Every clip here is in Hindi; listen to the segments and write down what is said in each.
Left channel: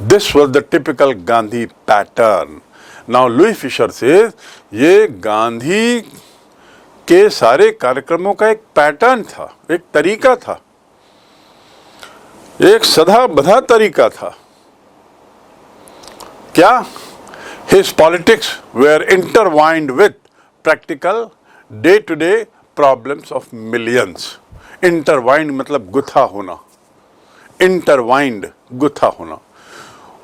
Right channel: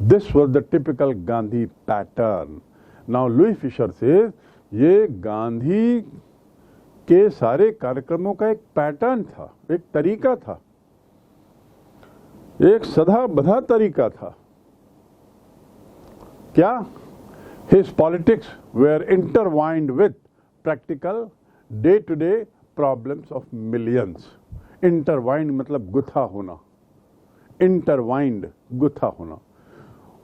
This was the typical Gandhi pattern. Now Louis Fisher says ये गांधी के सारे कार्यक्रमों का एक पैटर्न था, एक तरीका था, एक सदा बधा तरीका था। क्या? His politics were intertwined with practical day-to-day problems of millions. Intertwined मतलब गुथा होना, intertwined गुथा होना।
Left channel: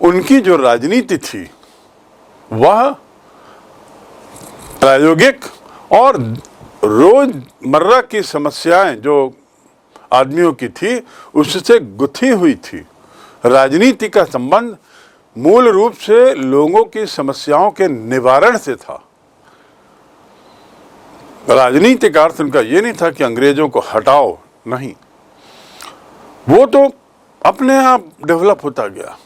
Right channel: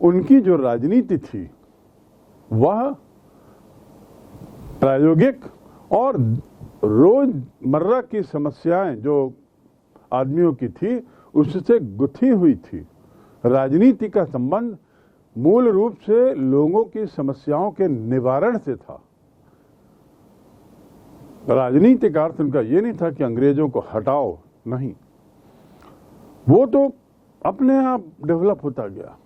उनकी जो राजनीति थी वह प्रायोगिक और रोजमर्रा की समस्याएं जो आदमियों की थी उससे गुथी हुई थी। राजनीति का संबंध मूल रूप से लोगों की समस्याओं के निवारण से था। राजनीति का अर्थ उनका ये नहीं था कि अंग्रेजों को हटाओ, नहीं, वो तो अपने आप डेवलप होता गया।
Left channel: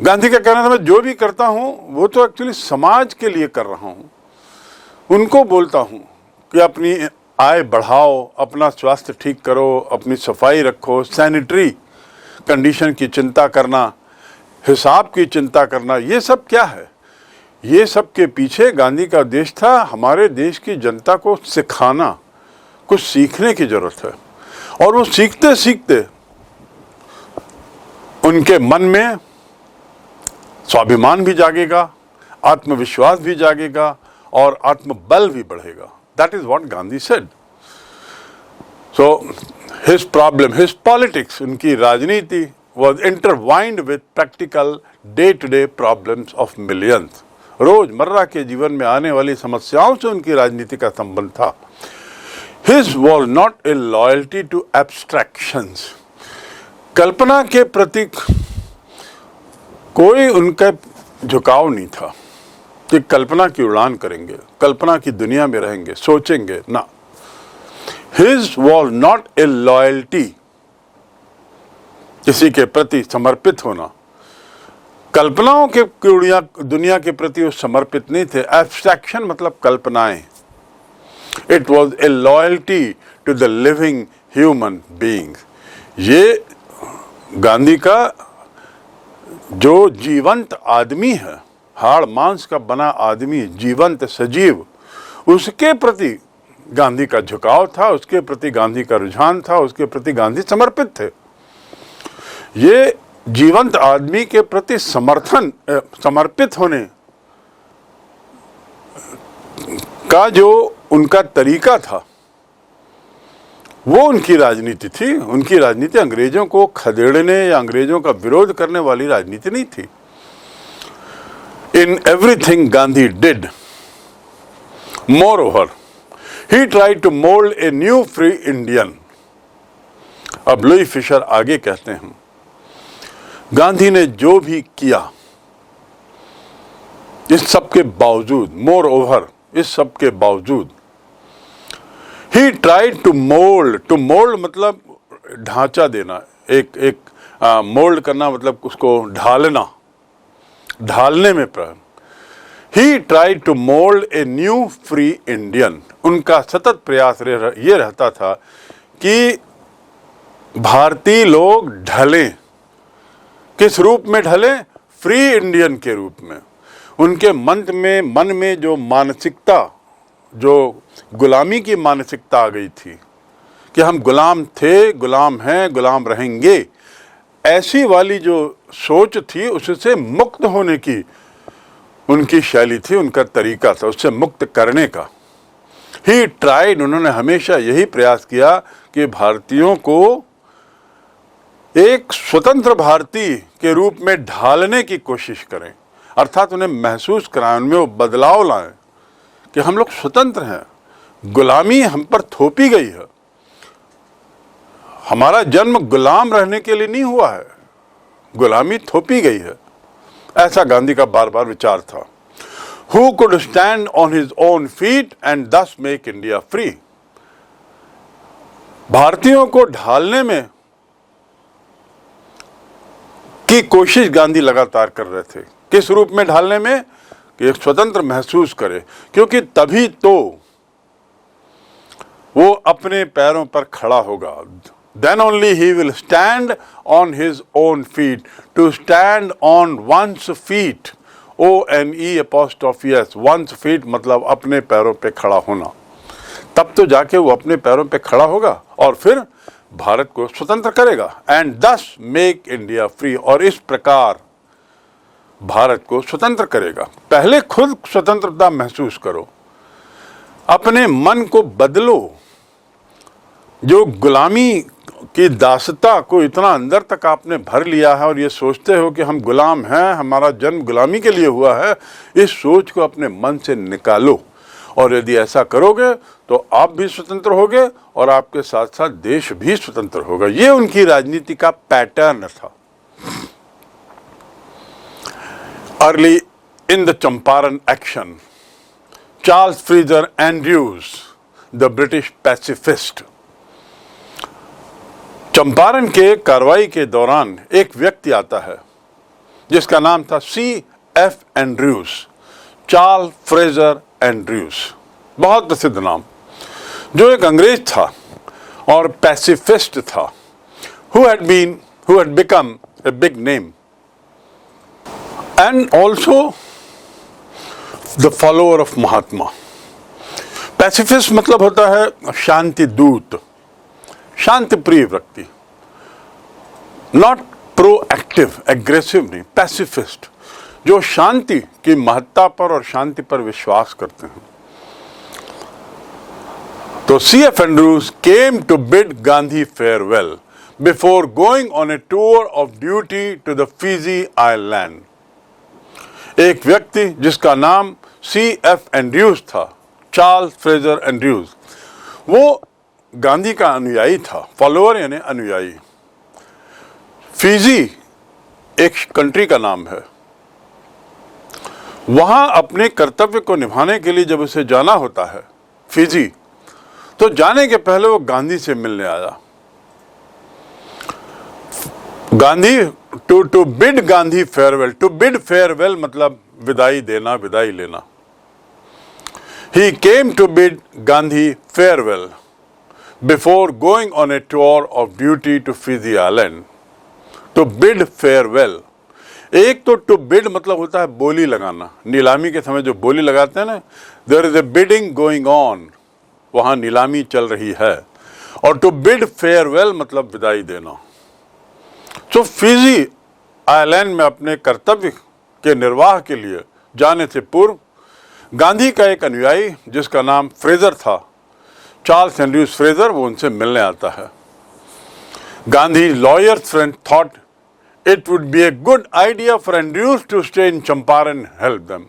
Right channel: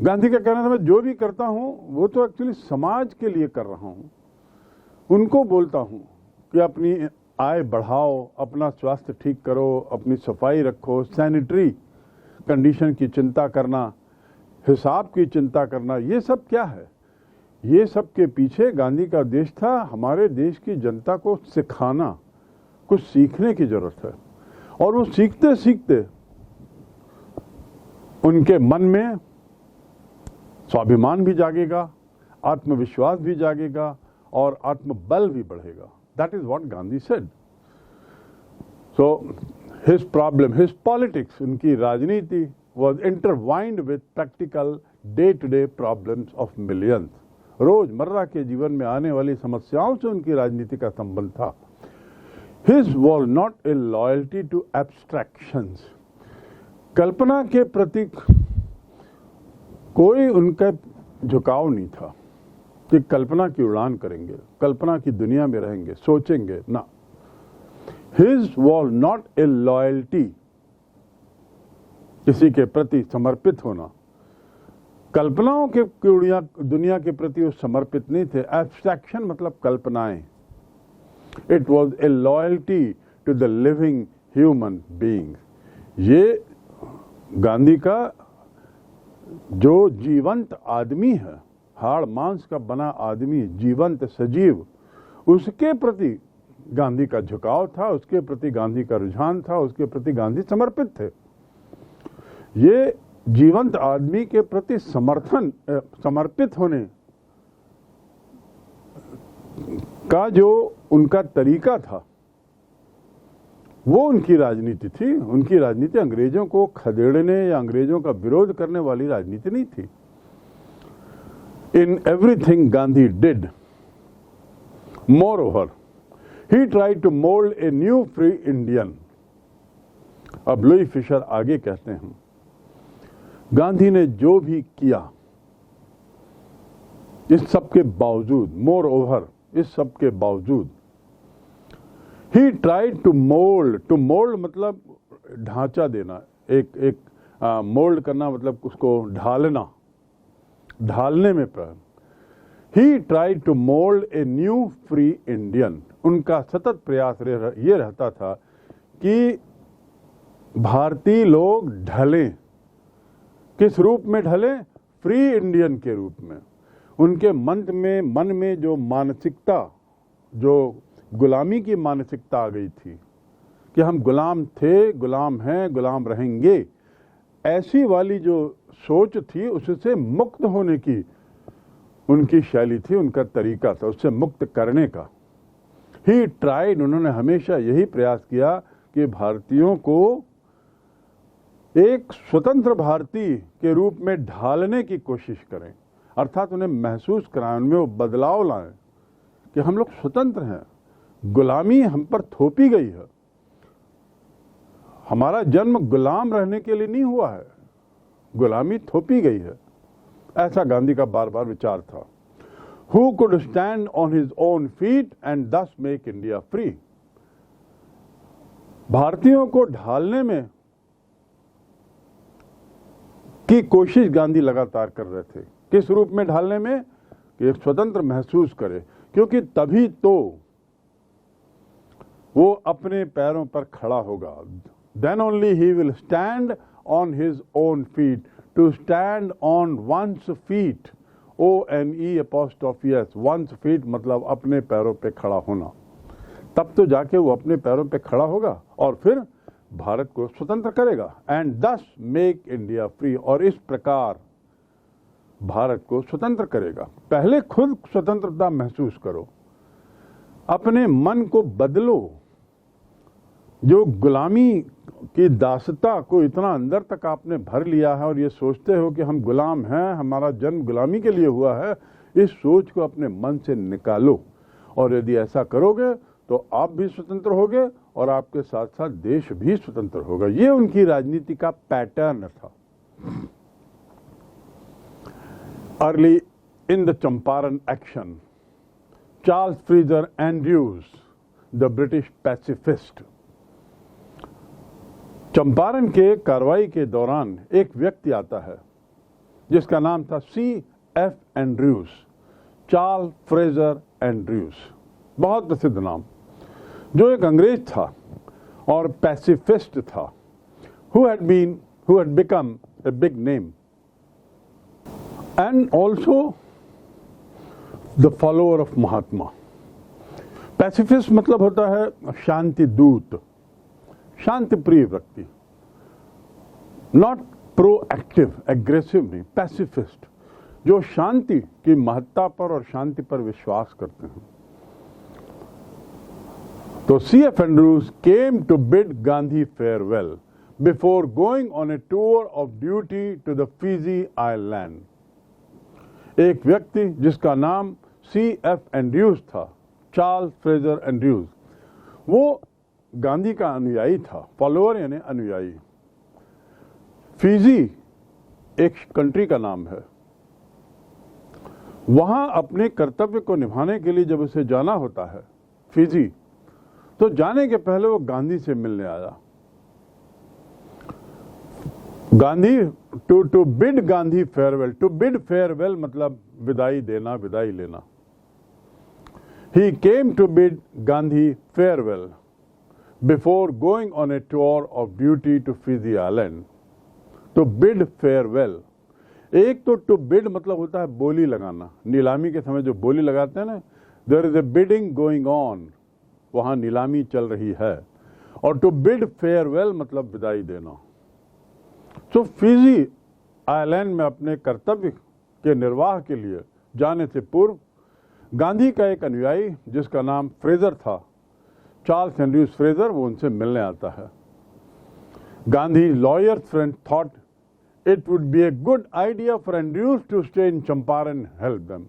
गांधी का कहना था मैं जो भी करता हूं वो तो एक्चुअली समाज के लिए कर रहा हूं। उनको बोलता हूं कि अपनी आय बढ़ाओ, अपना स्वास्थ्य ठीक करो, अपनी सफाई रखो, सैनिटरी कंडीशन की चिंता करना, हिसाब की चिंता करना, ये सब क्या है? ये सब के पीछे गांधी का उद्देश्य था हमारे देश की जनता को सिखाना, कुछ सीखने की जरूरत है। और वो सीखते सीखते उनके मन में स्वाभिमान भी जागेगा, आत्मविश्वास भी जागेगा और आत्मबल भी बढ़ेगा। That is what Gandhi said. So his problem, his politics, उनकी राजनीति was intertwined with practical day-to-day problems of millions. रोजमर्रा के जीवन में आने वाली समस्याओं से उनकी राजनीति का संबंध था। His was not a loyalty to abstractions. कल्पना के प्रति कोई उनका झुकाव नहीं था कि कल्पना की उड़ान करेंगे, कल्पना की दुनिया में रहेंगे, सोचेंगे ना। His was not a loyalty, किसी के प्रति समर्पित होना, कल्पनाओं के दुनिया के प्रति वो समर्पित नहीं थे। एब्स्ट्रैक्शन मतलब कल्पनाएं। It was a loyalty to the living human being. ये गांधी का जो जीवंत आदमी है, हाड़ मांस का बना आदमी, जीवंत सजीव, उसके प्रति गांधी का झुकाव था, उसके प्रति गांधी का रुझान था, उसके प्रति गांधी समर्पित थे। ये जीवंत आदमी के प्रति समर्पित होने का जो उनका तरीका था वो उनकी राजनीति थी। उनकी राजनीति अंग्रेजों को खदेड़ने या अंग्रेजों का विरोध करने वाली राजनीति नहीं थी। In everything Gandhi did, moreover, he tried to mold a new free Indian. अब लुई फिशर आगे कहते हैं, गांधी ने जो भी किया, इस सब के बावजूद, moreover, इस सब के बावजूद, he tried to mold मतलब ढांचा देना, एक मोल्ड करना मतलब उसको ढालना, ढालने में प्रयत्न। He tried to mold a new free Indian. उनका सतत प्रयास ये रहता था कि भारतीय लोग ढलें। किस रूप में ढलें? फ्री इंडियन के रूप में। उनके मन में जो मानसिकता, जो गुलामी की मानसिकता आ गई थी कि हम गुलाम थे, गुलाम हैं, गुलाम रहेंगे, ऐसी वाली जो सोच थी उससे मुक्त होने की उनकी शैली थी, उनका तरीका था, उससे मुक्त करने का। ही ट्राइड, उन्होंने हमेशा यही प्रयास किया कि भारतीयों को एक स्वतंत्र भारतीय के रूप में ढालने की कोशिश करें, अर्थात उन्हें महसूस कराएं, उनमें वो बदलाव लाएं कि हम लोग स्वतंत्र हैं, गुलामी हम पर थोपी गई है, हमारा जन्म गुलाम रहने के लिए नहीं हुआ है, गुलामी थोपी गई है। ऐसा गांधी का बार बार विचार था। Who could stand on his own feet and thus make India free? भारतीयों को ढालने में की कोशिश गांधी लगातार कर रहे थे। किस रूप में ढालने में? कि एक स्वतंत्र महसूस करे, क्योंकि तभी तो वो अपने पैरों पर खड़ा होगा, then only he will stand on his own feet. To stand on one's feet, ONE', one's feet मतलब अपने पैरों पे खड़ा होना, तब तो जाके वो अपने पैरों पे खड़ा होगा और फिर भारत को स्वतंत्र करेगा। एंड दस मेक इंडिया फ्री, और इस प्रकार भारत को स्वतंत्र करेगा। पहले खुद स्वतंत्रता महसूस करो, अपने मन को बदलो। जो गुलामी की दासता को इतना अंदर तक आपने भर लिया है और ये सोचते हो कि हम गुलाम हैं, हमारा जन्म गुलामी के लिए हुआ है, इस सोच को अपने मन से निकालो। और यदि ऐसा करोगे तो आप भी स्वतंत्र होगे और आपके साथ साथ देश भी स्वतंत्र होगा। ये उनकी राजनीति का पैटर्न था। Early in the Champaran action, Charles Fraser Andrews, the British pacifist. Champaran के कार्रवाई के दौरान एक व्यक्ति आता है जिसका नाम था C.F. Andrews, Charles Fraser Andrews, बहुत प्रसिद्ध नाम, जो एक अंग्रेज था और पैसिफिस्ट था, who had become a big name and also the follower of Mahatma. Pacifist मतलब होता है शांति दूत, शांति प्रिय व्यक्ति, नॉट प्रोएक्टिव, एग्रेसिव नहीं, पैसिफिस्ट, जो शांति की महत्ता पर और शांति पर विश्वास करते हैं। तो C.F. Andrews came to bid Gandhi farewell before going on a tour of duty to the Fiji island. एक व्यक्ति जिसका नाम C.F. एंड्रयूज था, चार्ल्स फ्रेजर एंड्रयूज, वो गांधी का अनुयायी था, फॉलोअर यानी अनुयायी। फिजी एक कंट्री का नाम है। वहां अपने कर्तव्य को निभाने के लिए जब उसे जाना होता है फिजी, तो जाने के पहले वो गांधी से मिलने आया। Gandhi to bid Gandhi farewell, to bid farewell मतलब विदाई देना, विदाई लेना। He came to bid Gandhi farewell before going on a tour of duty to Fiji island. To bid farewell, एक तो टू बिड मतलब होता है बोली लगाना, नीलामी के समय जो बोली लगाते हैं ना, there is a bidding going on, वहां नीलामी चल रही है। और टू बिड फेयरवेल मतलब विदाई देना। तो फिजी आइलैंड में अपने कर्तव्य के निर्वाह के लिए जाने से पूर्व गांधी का एक अनुयायी जिसका नाम फ्रेजर था, चार्ल्स एंड्रयूज फ्रेजर, वो उनसे मिलने आता है। Gandhi lawyer's friend thought it would be a good idea for Andrews to stay in Champaran and help them.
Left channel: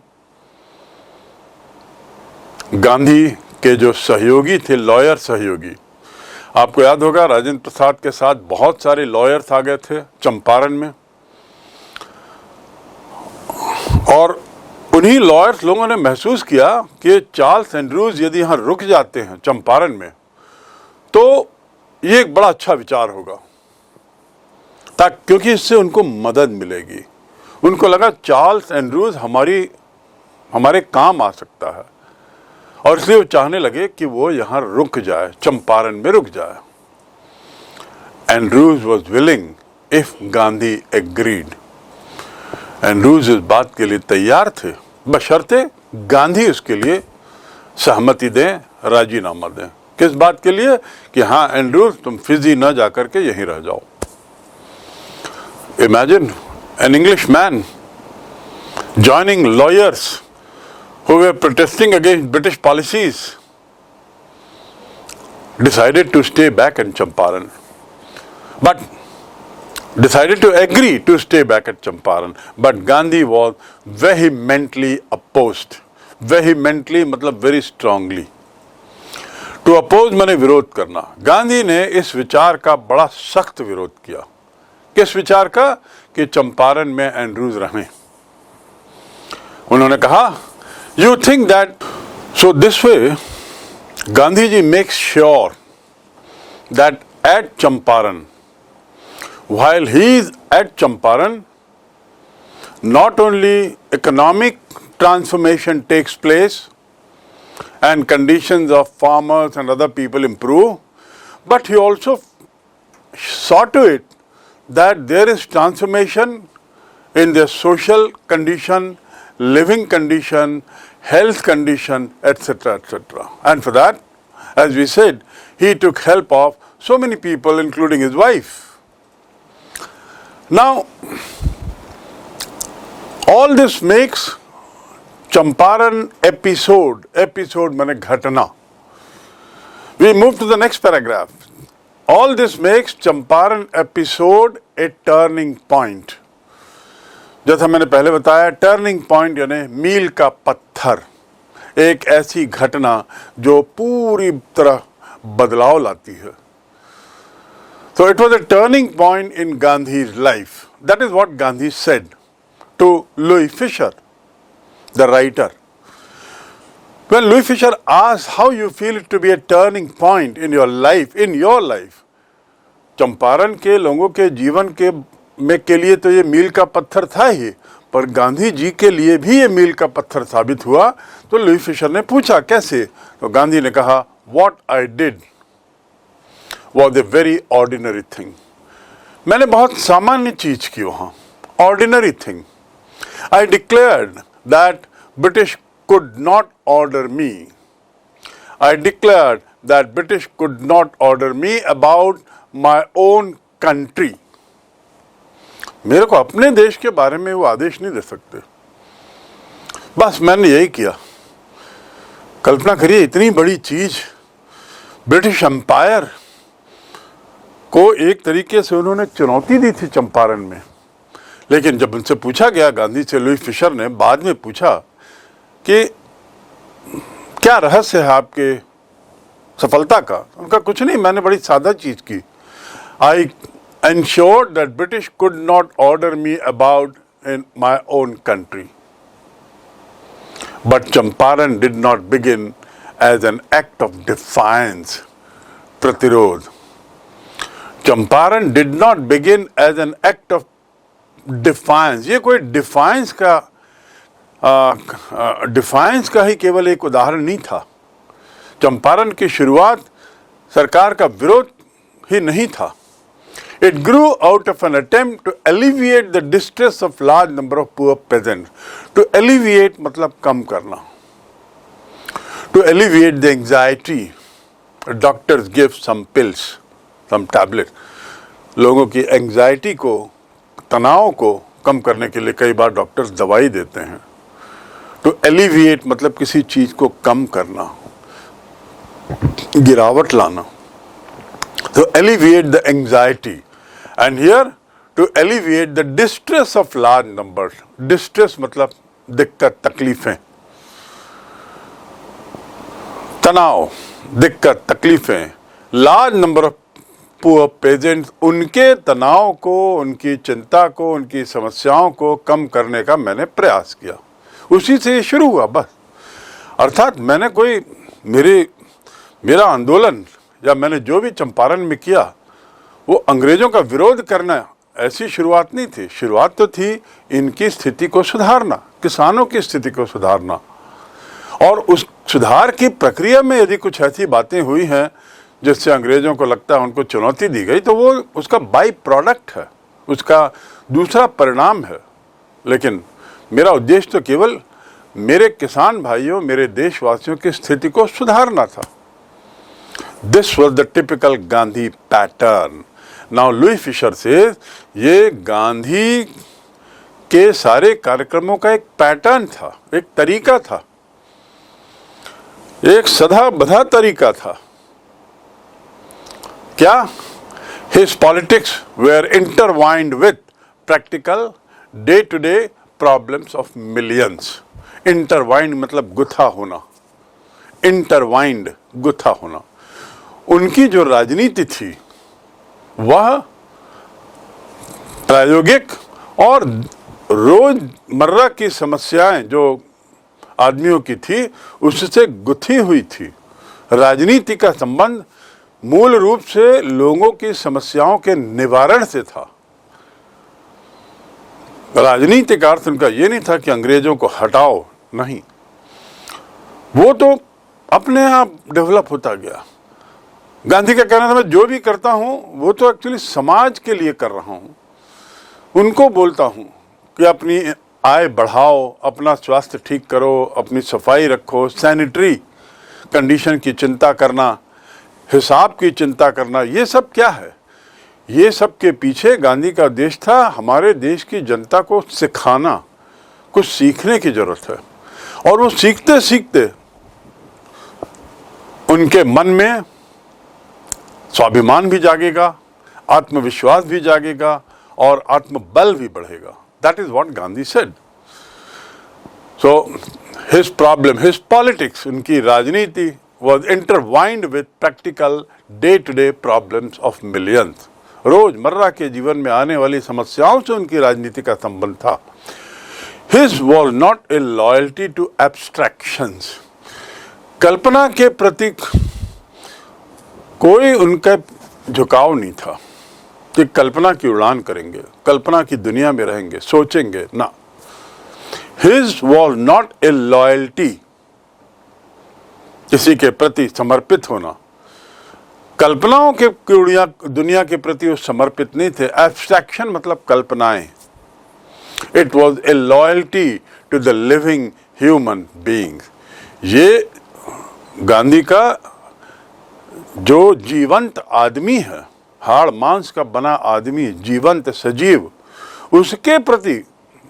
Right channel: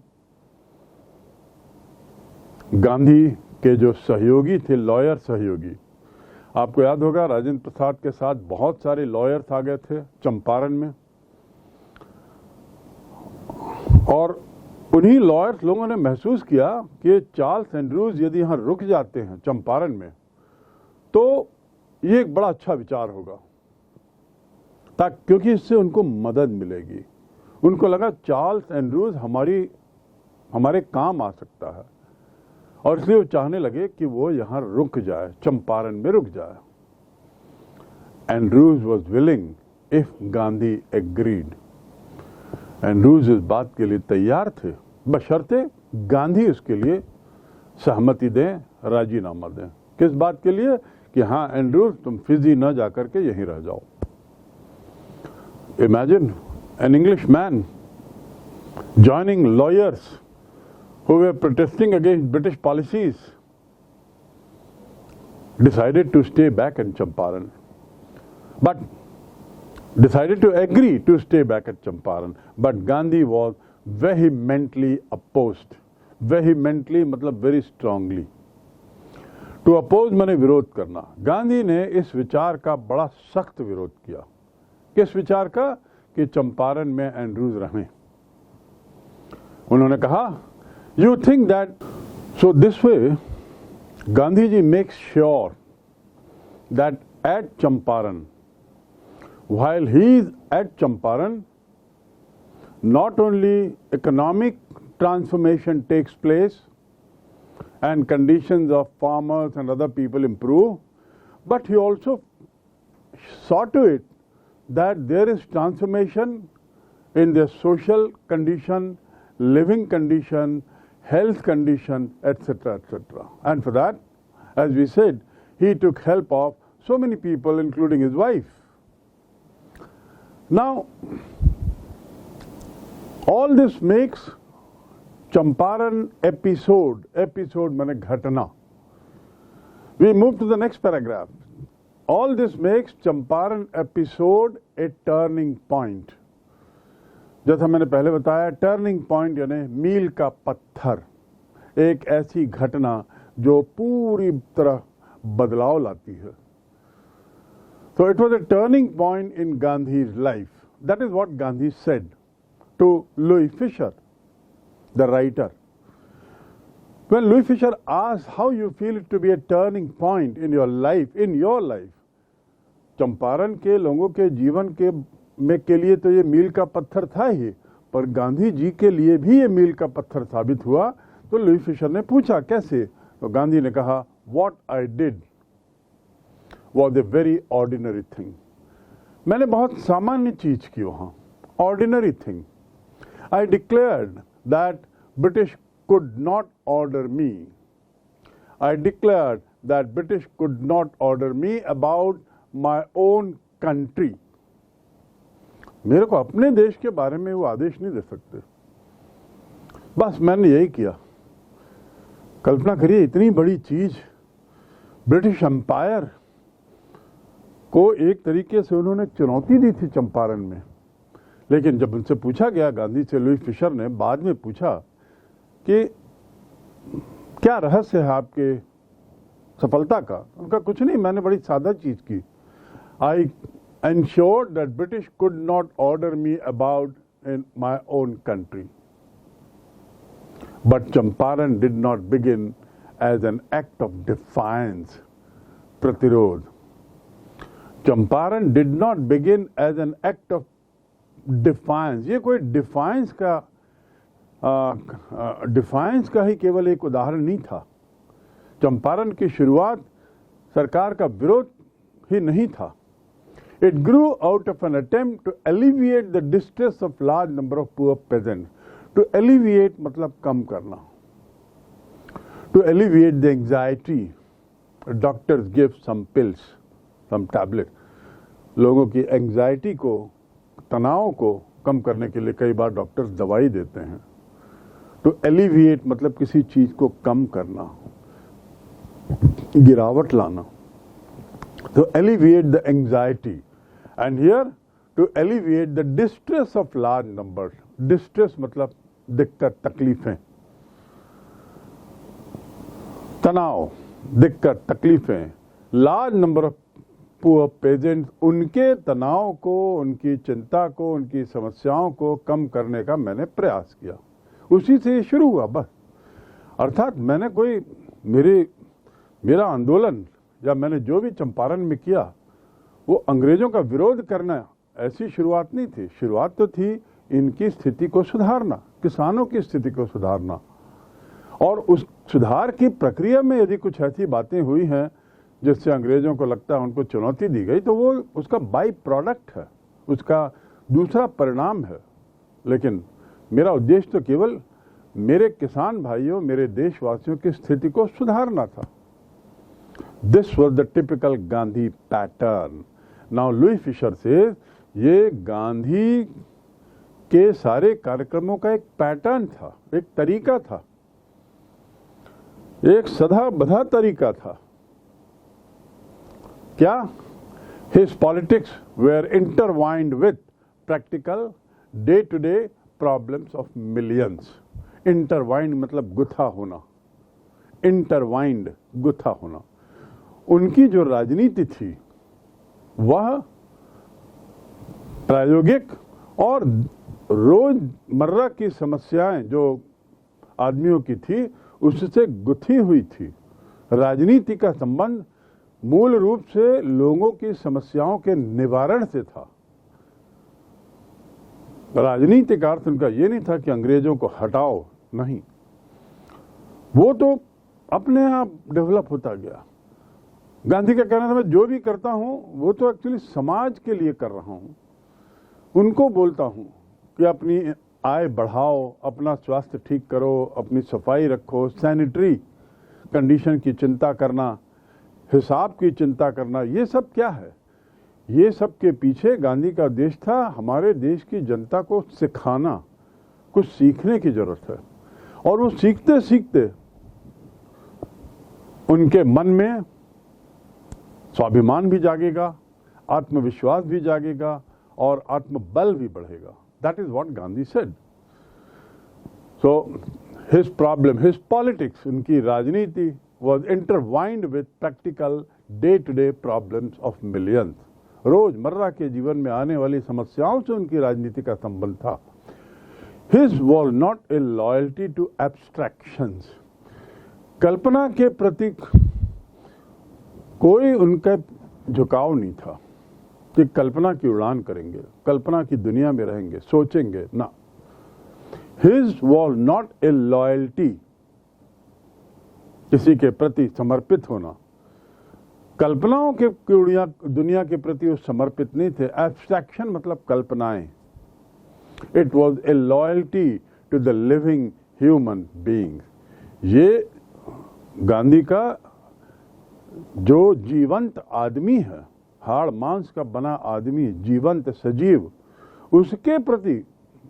Gandhi के जो सहयोगी थे, लॉयर सहयोगी, आपको याद होगा राजेंद्र प्रसाद के साथ बहुत सारे लॉयर्स आ गए थे चंपारण में, और उन्हीं लॉयर्स लोगों ने महसूस किया कि चार्ल्स एंड्रयूज यदि यहाँ रुक जाते हैं चंपारण में तो ये एक बड़ा अच्छा विचार होगा, क्योंकि इससे उनको मदद मिलेगी। उनको लगा चार्ल्स एंड्रयूज हमारे काम आ सकता है, और इसलिए वो चाहने लगे कि वो यहाँ रुक जाए, चंपारण में रुक जाए। Andrews was willing if Gandhi agreed. Andrews इस बात के लिए तैयार थे, बशर्ते गांधी उसके लिए सहमति दें, राजीनामा दें। किस बात के लिए? कि हाँ एंड्रयूज तुम फिजी न जाकर के यहीं रह जाओ। Imagine an English man joining lawyers who were protesting against British policies decided to stay back in Champaran, but decided to agree to stay back at Champaran, but Gandhi was vehemently opposed. Vehemently मतलब very strongly. To oppose माने विरोध करना। गांधी ने इस विचार का बड़ा सख्त विरोध किया। किस विचार का? कि चंपारण में एंड्रयूज रहें। उन्होंने कहा, you think that so this way Gandhi ji makes sure that at Champaran, while he is at Champaran, not only economic transformation takes place and conditions of farmers and other people improve, but he also saw to it that there is transformation in their social condition, living condition, health condition, etc., etc. And for that, as we said, he took help of so many people, including his wife. Now, all this makes Champaran episode माने घटना. We move to the next paragraph. All this makes Champaran episode a turning point. जैसा मैंने पहले बताया, टर्निंग पॉइंट यानी मील का पत्थर, एक ऐसी घटना जो पूरी तरह बदलाव लाती है. So it was a turning point in Gandhi's life. That is what Gandhi said to Louis Fisher, the writer. When Louis Fisher asked how you feel it to be a turning point in your life, Champaran के लोगों के जीवन के लिए तो ये मील का पत्थर था ही, पर गांधी जी के लिए भी ये मील का पत्थर साबित हुआ. तो लुई फिशर ने पूछा कैसे, तो गांधी ने कहा, What I did was a very ordinary thing. मैंने बहुत सामान्य चीज की वहां, ordinary thing. I declared that British could not order me. I declared that British could not order me about my own country. मेरे को अपने देश के बारे में वो आदेश नहीं दे सकते. बस मैंने यही किया. कल्पना करिए, इतनी बड़ी चीज, ब्रिटिश एम्पायर को एक तरीके से उन्होंने चुनौती दी थी चंपारण में. लेकिन जब उनसे पूछा गया, गांधी से लुई फिशर ने बाद में पूछा कि क्या रहस्य है आपके सफलता का, उनका कुछ नहीं, मैंने बड़ी सादा चीज की. I ensured that British could not order me about in my own country. But Champaran did not begin as an act of defiance, Pratirod. Champaran did not begin as an act of defiance. ये कोई डिफाइंस का ही केवल एक उदाहरण नहीं था. चंपारण की शुरुआत सरकार का विरोध ही नहीं था. It grew out of an attempt to alleviate the distress of large number of poor peasants. To alleviate मतलब कम करना. To alleviate the anxiety, doctors give some pills, some tablets. लोगों की एंग्जाइटी को, तनाव को कम करने के लिए कई बार डॉक्टर्स दवाई देते हैं. To alleviate मतलब किसी चीज को कम करना, गिरावट लाना. To alleviate the anxiety. And here, to alleviate the distress of large numbers. Distress मतलब दिक्कत, तकलीफें, तनाव, दिक्कत, तकलीफें. Large number of poor peasants, उनके तनाव को, उनकी चिंता को, उनकी समस्याओं को कम करने का मैंने प्रयास किया. उसी से ये शुरू हुआ बस. अर्थात मैंने कोई मेरा आंदोलन या मैंने जो भी चंपारण में किया वो अंग्रेजों का विरोध करना, ऐसी शुरुआत नहीं थी. शुरुआत तो थी इनकी स्थिति को सुधारना, किसानों की स्थिति को सुधारना. और उस सुधार की प्रक्रिया में यदि कुछ ऐसी बातें हुई हैं जिससे अंग्रेजों को लगता है उनको चुनौती दी गई, तो वो उसका बाई प्रोडक्ट है, उसका दूसरा परिणाम है. लेकिन मेरा उद्देश्य तो केवल मेरे किसान भाइयों, मेरे देशवासियों की स्थिति को सुधारना था. This was the typical Gandhi pattern. Now Louis Fisher says ये गांधी के सारे कार्यक्रमों का एक पैटर्न था, एक तरीका था, एक सदा बधा तरीका था. क्या? His politics were intertwined with practical day-to-day problems of millions. Intertwined मतलब गुथा होना, intertwined गुथा होना. उनकी जो राजनीति थी वह प्रायोगिक और रोजमर्रा की समस्याएं जो आदमियों की थी उससे गुथी हुई थी. राजनीति का संबंध मूल रूप से लोगों की समस्याओं के निवारण से था. राजनीति का अर्थ उनका ये नहीं था कि अंग्रेजों को हटाओ, नहीं, वो तो अपने आप डेवलप होता गया. गांधी का कहना था मैं जो भी करता हूं वो तो एक्चुअली समाज के लिए कर रहा हूं। उनको बोलता हूं कि अपनी आय बढ़ाओ, अपना स्वास्थ्य ठीक करो, अपनी सफाई रखो, सैनिटरी कंडीशन की चिंता करना, हिसाब की चिंता करना, ये सब क्या है? ये सब के पीछे गांधी का उद्देश्य था हमारे देश की जनता को सिखाना, कुछ सीखने की जरूरत है। और वो सीखते सीखते उनके मन में स्वाभिमान भी जागेगा, आत्मविश्वास भी जागेगा और आत्मबल भी बढ़ेगा। That is what Gandhi said. So his problem, his politics, उनकी राजनीति was intertwined with practical day-to-day problems of millions। रोजमर्रा के जीवन में आने वाली समस्याओं से उनकी राजनीति का संबंध था। His was not a loyalty to abstractions। कल्पना के प्रति कोई उनका झुकाव नहीं था कि कल्पना की उड़ान करेंगे, कल्पना की दुनिया में रहेंगे, सोचेंगे ना। His was not a loyalty, किसी के प्रति समर्पित होना, कल्पनाओं के दुनिया के प्रति वो समर्पित नहीं थे। एब्स्ट्रैक्शन मतलब कल्पनाएं। It was a loyalty to the living human beings. ये गांधी का जो जीवंत आदमी है, हाड़ मांस का बना आदमी, जीवंत सजीव, उसके प्रति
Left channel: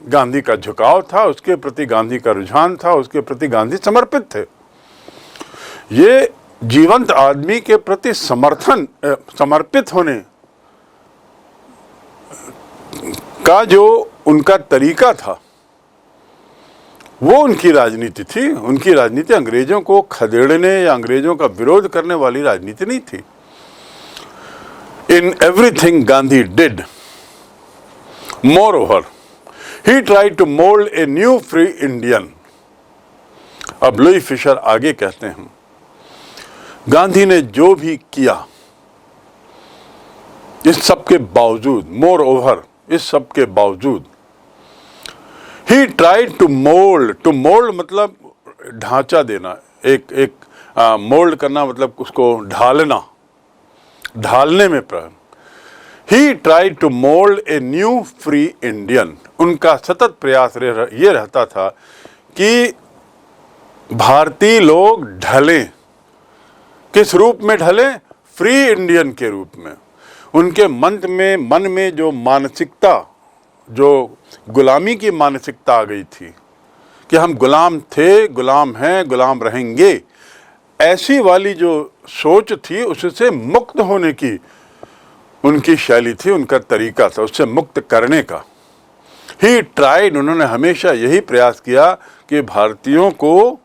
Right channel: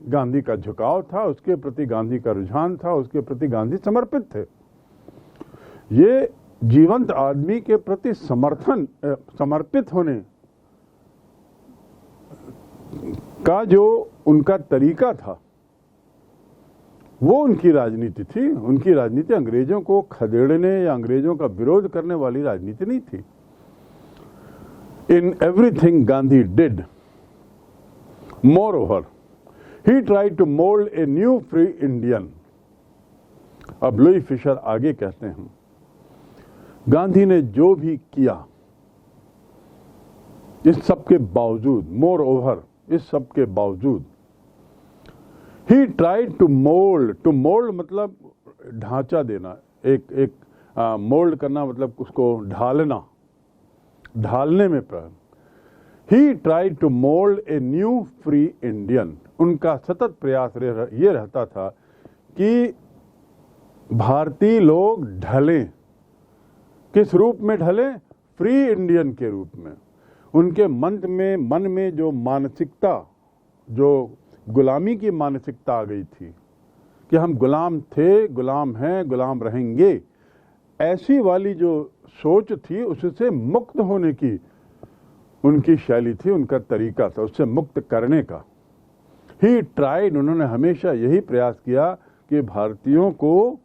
गांधी का झुकाव था, उसके प्रति गांधी का रुझान था, उसके प्रति गांधी समर्पित थे। ये जीवंत आदमी के प्रति समर्पित होने का जो उनका तरीका था वो उनकी राजनीति थी। उनकी राजनीति अंग्रेजों को खदेड़ने या अंग्रेजों का विरोध करने वाली राजनीति नहीं थी। In everything Gandhi did, moreover, he tried to mold a new free Indian। अब लुई फिशर आगे कहते हैं, गांधी ने जो भी किया, इस सब के बावजूद, मोर ओवर, इस सब के बावजूद, ही ट्राइड टू मोल्ड मतलब ढांचा देना, एक मोल्ड करना मतलब उसको ढालना, ढालने में ही tried to mould a new free Indian. उनका सतत प्रयास ये रहता था कि भारतीय लोग ढलें। किस रूप में ढले? फ्री इंडियन के रूप में। उनके मन में जो मानसिकता, जो गुलामी की मानसिकता आ गई थी कि हम गुलाम थे, गुलाम हैं, गुलाम रहेंगे, ऐसी वाली जो सोच थी, उससे मुक्त होने की उनकी शैली थी, उनका तरीका था, उससे मुक्त करने का। ही ट्राइड, उन्होंने हमेशा यही प्रयास किया कि भारतीयों को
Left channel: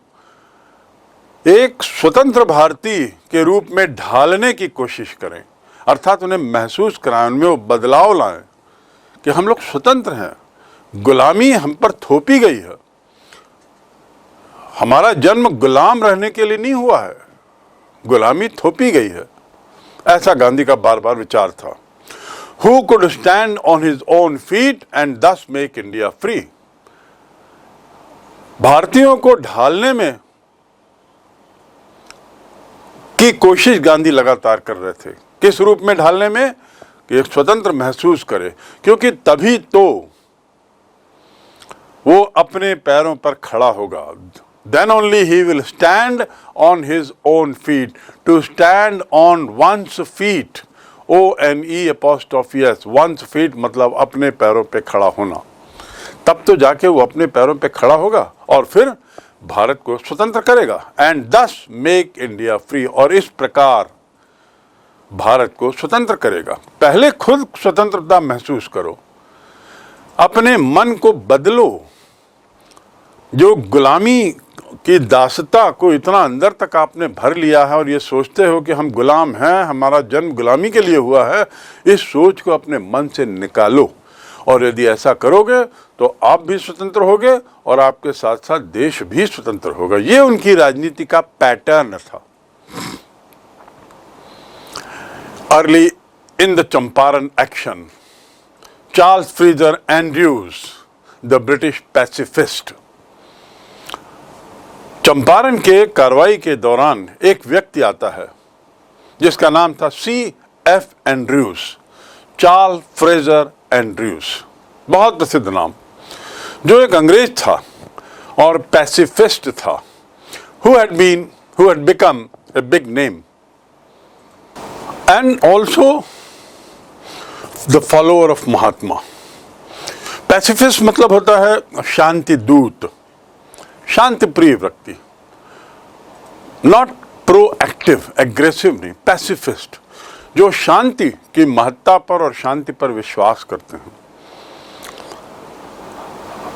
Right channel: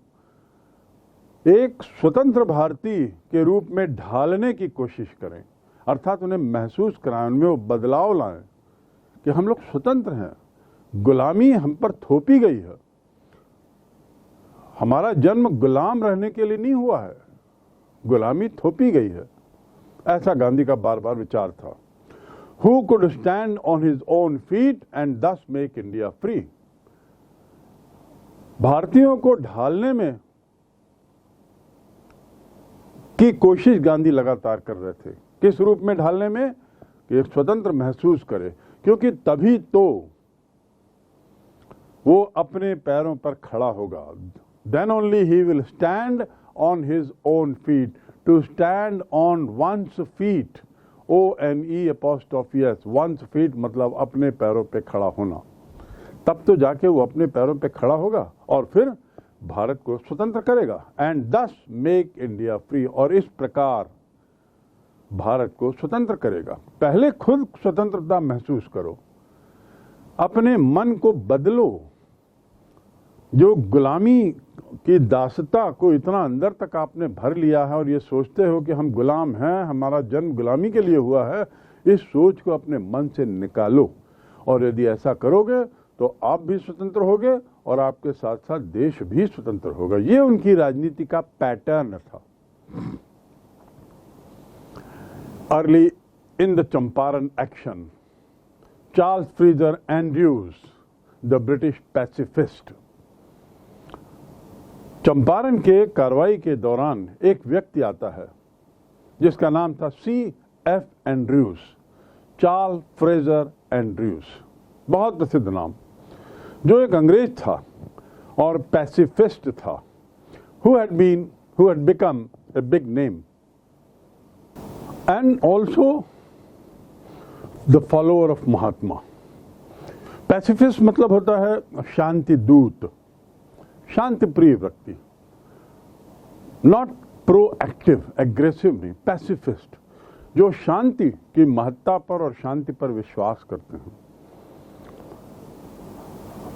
एक स्वतंत्र भारतीय के रूप में ढालने की कोशिश करें, अर्थात उन्हें महसूस कराएं, उनमें वो बदलाव लाएं कि हम लोग स्वतंत्र हैं, गुलामी हम पर थोपी गई है, हमारा जन्म गुलाम रहने के लिए नहीं हुआ है, गुलामी थोपी गई है। ऐसा गांधी का बार बार विचार था। Who could stand on his own feet and thus make India free। भारतीयों को ढालने में की कोशिश गांधी लगातार कर रहे थे। किस रूप में ढालने में? कि एक स्वतंत्र महसूस करे, क्योंकि तभी तो वो अपने पैरों पर खड़ा होगा। Then only he will stand on his own feet। To stand on one's feet, ONE', one's feet मतलब अपने पैरों पे खड़ा होना। तब तो जाके वो अपने पैरों पे खड़ा होगा और फिर भारत को स्वतंत्र करेगा। एंड दस मेक इंडिया फ्री, और इस प्रकार भारत को स्वतंत्र करेगा। पहले खुद स्वतंत्रता महसूस करो, अपने मन को बदलो। जो गुलामी की दासता को इतना अंदर तक आपने भर लिया है और ये सोचते हो कि हम गुलाम हैं, हमारा जन्म गुलामी के लिए हुआ है, इस सोच को अपने मन से निकालो। और यदि ऐसा करोगे तो आप भी स्वतंत्र होगे और आपके साथ साथ देश भी स्वतंत्र होगा। ये उनकी राजनीति का पैटर्न था। Early in the Champaran action, Charles freezer Andrews, the British pacifist. Champaran के कार्रवाई के दौरान एक व्यक्ति आता है जिसका नाम था C.F. Andrews, Charles Fraser Andrews, बहुत प्रसिद्ध नाम, जो एक अंग्रेज था और पैसिफिस्ट था, who had become a big name and also the follower of Mahatma. Pacifist मतलब होता है शांति दूत, शांति प्रिय व्यक्ति, नॉट प्रोएक्टिव, एग्रेसिव नहीं, पैसिफिस्ट, जो शांति की महत्ता पर और शांति पर विश्वास करते हैं।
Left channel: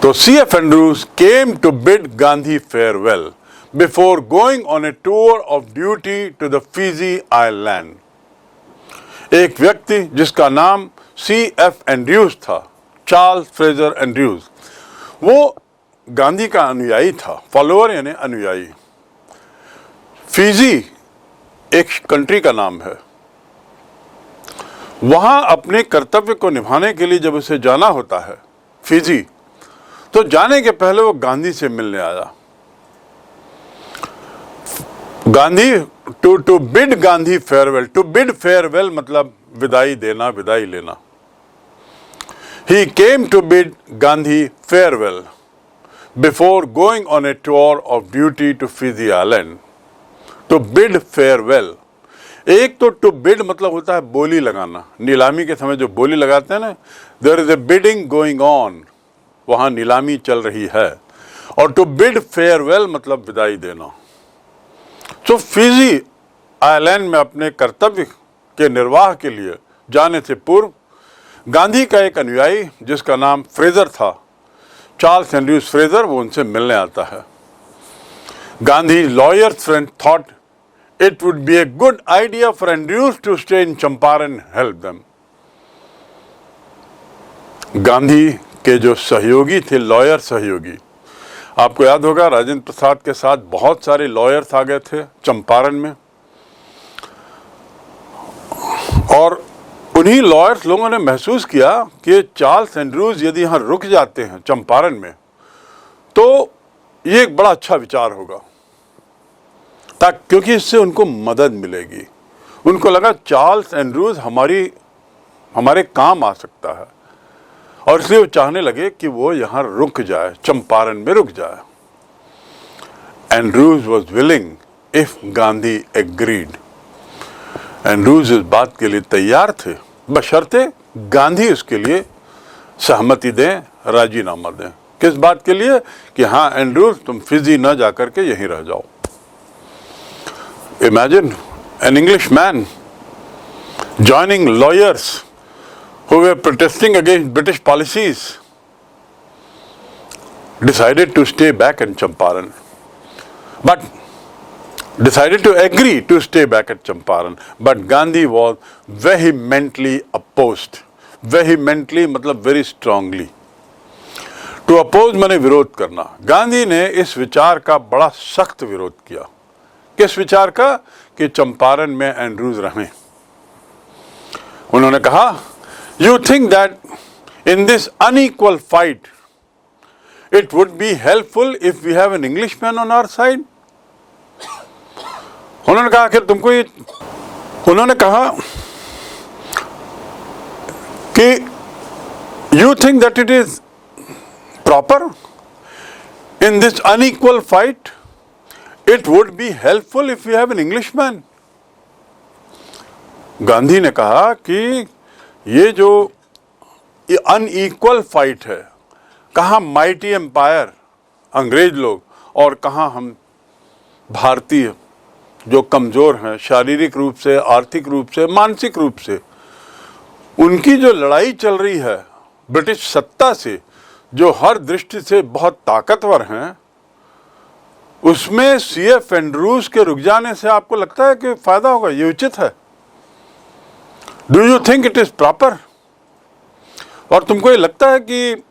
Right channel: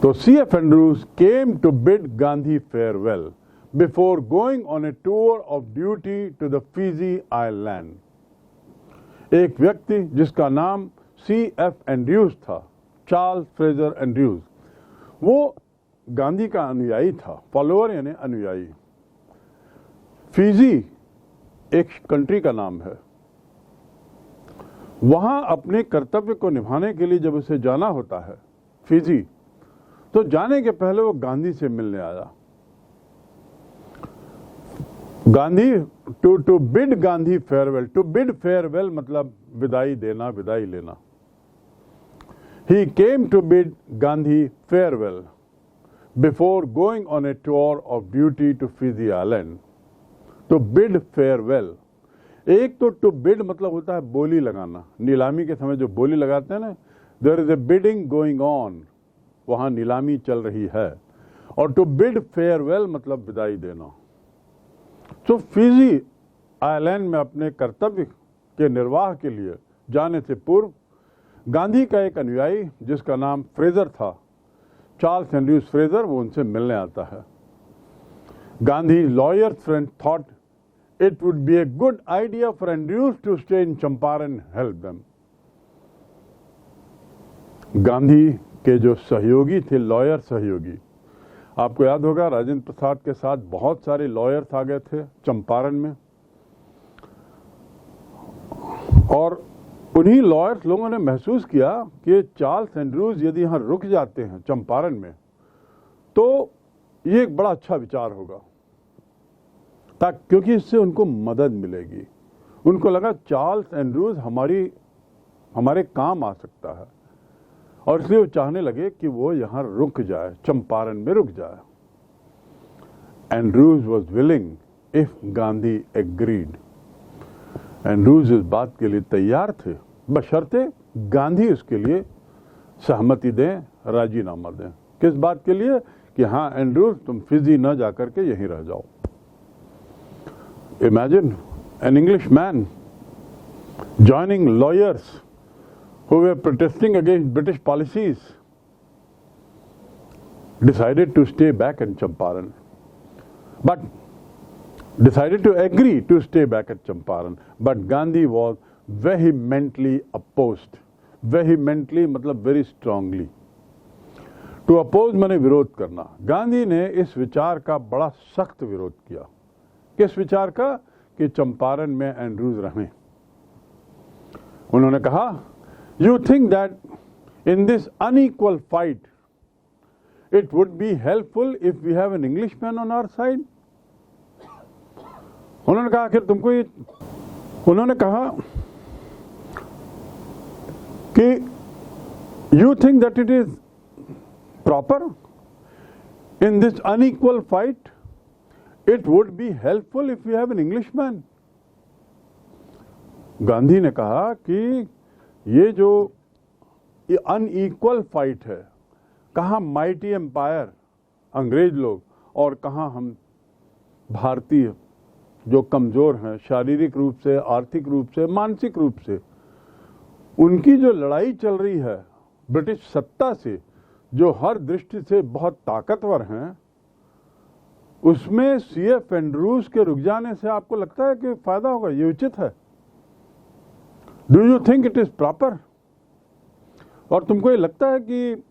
तो C.F. Andrews came to bid Gandhi farewell before going on a tour of duty to the Fiji Island. एक व्यक्ति जिसका नाम C.F. एंड्रयूज था, चार्ल्स फ्रेजर एंड्रयूज, वो गांधी का अनुयायी था, फॉलोअर यानी अनुयायी। फिजी एक कंट्री का नाम है। वहां अपने कर्तव्य को निभाने के लिए जब उसे जाना होता है फिजी, तो जाने के पहले वो गांधी से मिलने आया। Gandhi to bid Gandhi farewell, to bid farewell मतलब विदाई देना, विदाई लेना। He came to bid Gandhi farewell before going on a tour of duty to Fiji Island. To bid farewell, एक तो to bid मतलब होता है बोली लगाना, नीलामी के समय जो बोली लगाते हैं ना, there is a bidding going on, वहाँ नीलामी चल रही है, और to bid farewell मतलब विदाई देना। तो फिजी आइलैंड में अपने कर्तव्य के निर्वाह के लिए जाने से पूर्व गांधी का एक अनुयायी जिसका नाम फ्रेजर था, चार्ल्स एंड्रयूज फ्रेजर, वो उनसे मिलने आता है। Gandhi lawyers friend thought it would be a good idea for Andrews to stay in Champaran and help them. Gandhi के जो सहयोगी थे, लॉयर सहयोगी, आपको याद होगा राजेंद्र प्रसाद के साथ बहुत सारे लॉयर्स आ गए थे चंपारण में, और उन्हीं लॉयर्स लोगों ने महसूस किया कि चार्ल्स एंड्रयूज यदि यहाँ रुक जाते हैं चंपारण में तो ये एक बड़ा अच्छा विचार होगा, क्योंकि इससे उनको मदद मिलेगी। उनको लगा चार्ल्स एंड्रयूज हमारे काम आ सकता है, और इसलिए वो चाहने लगे कि वो यहाँ रुक जाए, चंपारण में रुक जाए। Andrews was willing if Gandhi agreed. Andrews इस बात के लिए तैयार थे बशर्ते गांधी उसके लिए सहमति दें, राजीनामा दें। किस बात के लिए? कि हाँ एंड्रयूज तुम फिजी न जाकर के यहीं रह जाओ। Imagine an English man joining lawyers who were protesting against British policies decided to stay back in Champaran, but decided to agree to stay back at Champaran, but Gandhi was vehemently opposed. Vehemently मतलब very strongly. To oppose माने विरोध करना। गांधी ने इस विचार का बड़ा सख्त विरोध किया। किस विचार का? कि चंपारण में एंड्रयूज रहें। उन्होंने कहा, You think that in this unequal fight, it would be helpful if we have an Englishman on our side? उन्होंने कहा कि तुमको ये, उन्होंने कहा कि you think that it is proper in this unequal fight, it would be helpful if we have an Englishman? Gandhi ने कहा कि ये जो अनइक्वल फाइट है, कहाँ माइटी एम्पायर अंग्रेज लोग और कहाँ हम भारतीय जो कमज़ोर हैं शारीरिक रूप से, आर्थिक रूप से, मानसिक रूप से, उनकी जो लड़ाई चल रही है ब्रिटिश सत्ता से, जो हर दृष्टि से बहुत ताकतवर हैं, उसमें C.F. एंड्रयूज के रुक जाने से आपको लगता है कि फ़ायदा होगा? ये उचित है? Do you think it is proper? और तुमको ये लगता है कि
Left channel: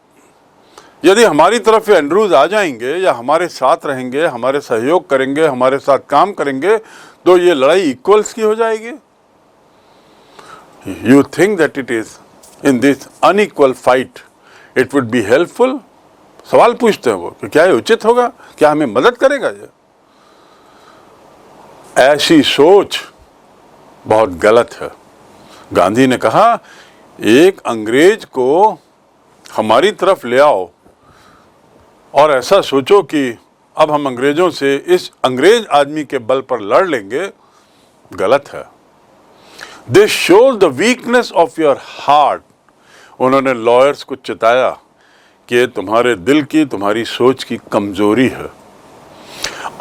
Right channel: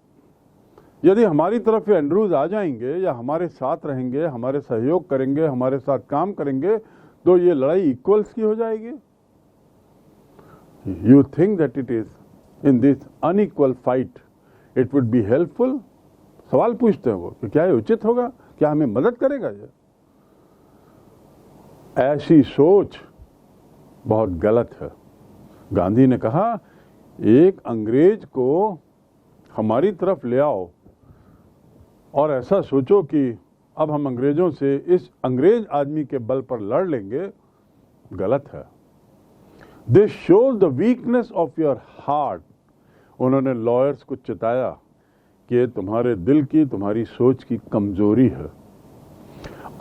यदि हमारी तरफ एंड्रयूज आ जाएंगे या हमारे साथ रहेंगे, हमारे सहयोग करेंगे, हमारे साथ काम करेंगे, तो ये लड़ाई इक्वल्स की हो जाएगी? You think that it is in this unequal fight it would be helpful? सवाल पूछते हैं वो कि क्या ये उचित होगा, क्या हमें मदद करेगा? ये ऐसी सोच बहुत गलत है। गांधी ने कहा एक अंग्रेज को हमारी तरफ ले आओ और ऐसा सोचो कि अब हम अंग्रेजों से इस अंग्रेज आदमी के बल पर लड़ लेंगे, गलत है। This shows the weakness of your heart. उन्होंने लॉयर्स को चिताया कि तुम्हारे दिल की, तुम्हारी सोच की कमजोरी है।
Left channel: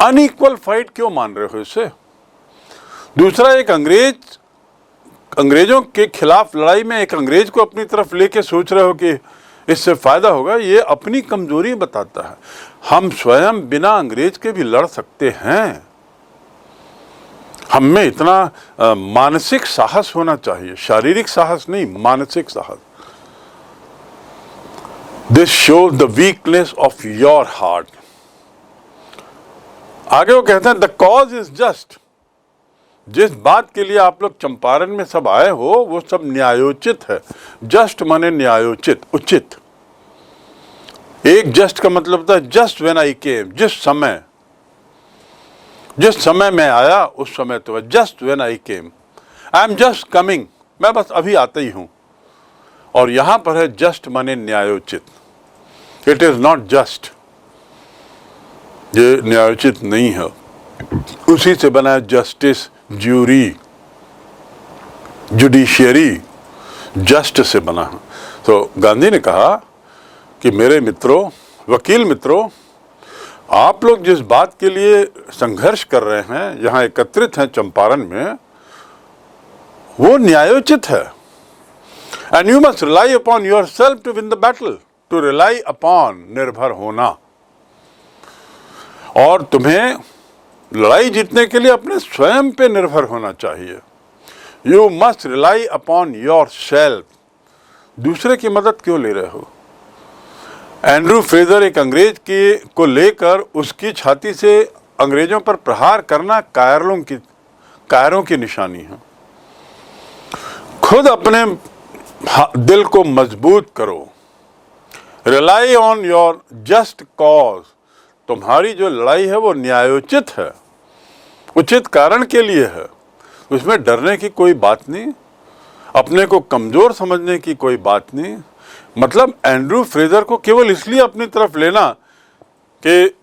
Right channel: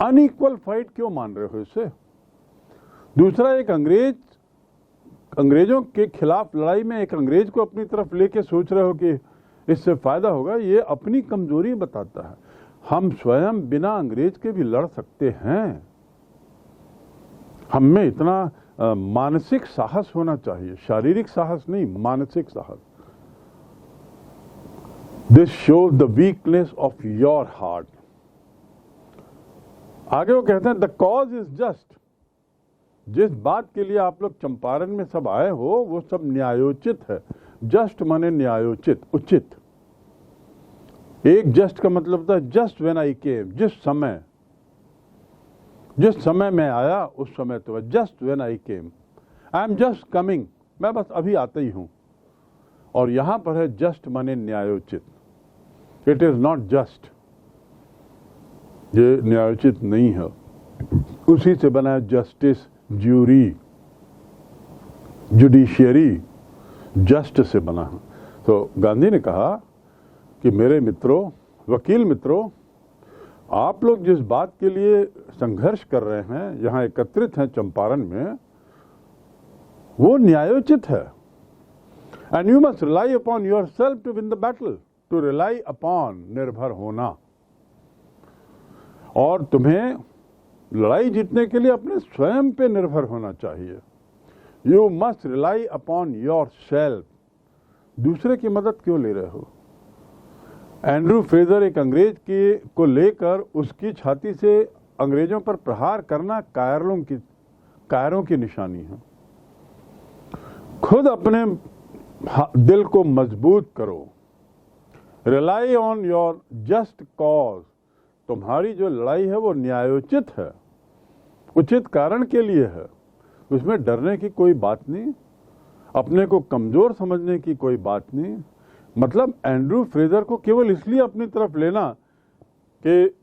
अनइक्वल फाइट क्यों मान रहे हो इसे? दूसरा, एक अंग्रेजों के खिलाफ लड़ाई में एक अंग्रेज को अपनी तरफ लेके सोच रहे हो कि इससे फायदा होगा, ये अपनी कमजोरी बताता है। हम स्वयं बिना अंग्रेज के भी लड़ सकते हैं। हम में इतना मानसिक साहस होना चाहिए, शारीरिक साहस नहीं, मानसिक साहस। This shows the weakness of your heart. आगे वो कहते हैं द कॉज इज जस्ट। जिस बात के लिए आप लोग चंपारण में सब आए हो वो सब न्यायोचित है। जस्ट माने न्यायोचित, उचित। एक जस्ट का मतलब था जस्ट व्हेन आई केम, जिस समय मैं आया उस समय तो just when I came, I am just coming, मैं बस अभी आता ही हूं। और यहां पर है जस्ट माने न्यायोचित। इट इज नॉट जस्ट, ये न्यायोचित नहीं है। उसी से बना है justice, jury, judiciary, just say बना है। तो गांधी ने कहा कि मेरे मित्रों, वकील मित्रों, आप लोग जिस बात के लिए संघर्ष कर रहे हैं, यहां एकत्रित हैं चंपारण में, वो न्यायोचित है। And you must rely upon your self to win the battle. To rely upon, निर्भर होना। और तुम्हें लड़ाई जीतने के लिए अपने स्वयं पे निर्भर होना चाहिए। You must rely upon your self. दूसरे की मदद क्यों ले रहे हो? एंड्रू फ्रेजर एक अंग्रेज को लेकर उसकी छाती से अंग्रेजों पर प्रहार करना कायरों की निशानी है। खुद अपने दिल को मजबूत करो। Rely on your just cause. तुम्हारी जो लड़ाई है वो न्यायोचित है, उचित कारण के लिए है। उसमें डरने की कोई बात नहीं, अपने को कमजोर समझने की कोई बात नहीं। मतलब एंड्रू फ्रेजर को केवल इसलिए अपनी तरफ लेना कि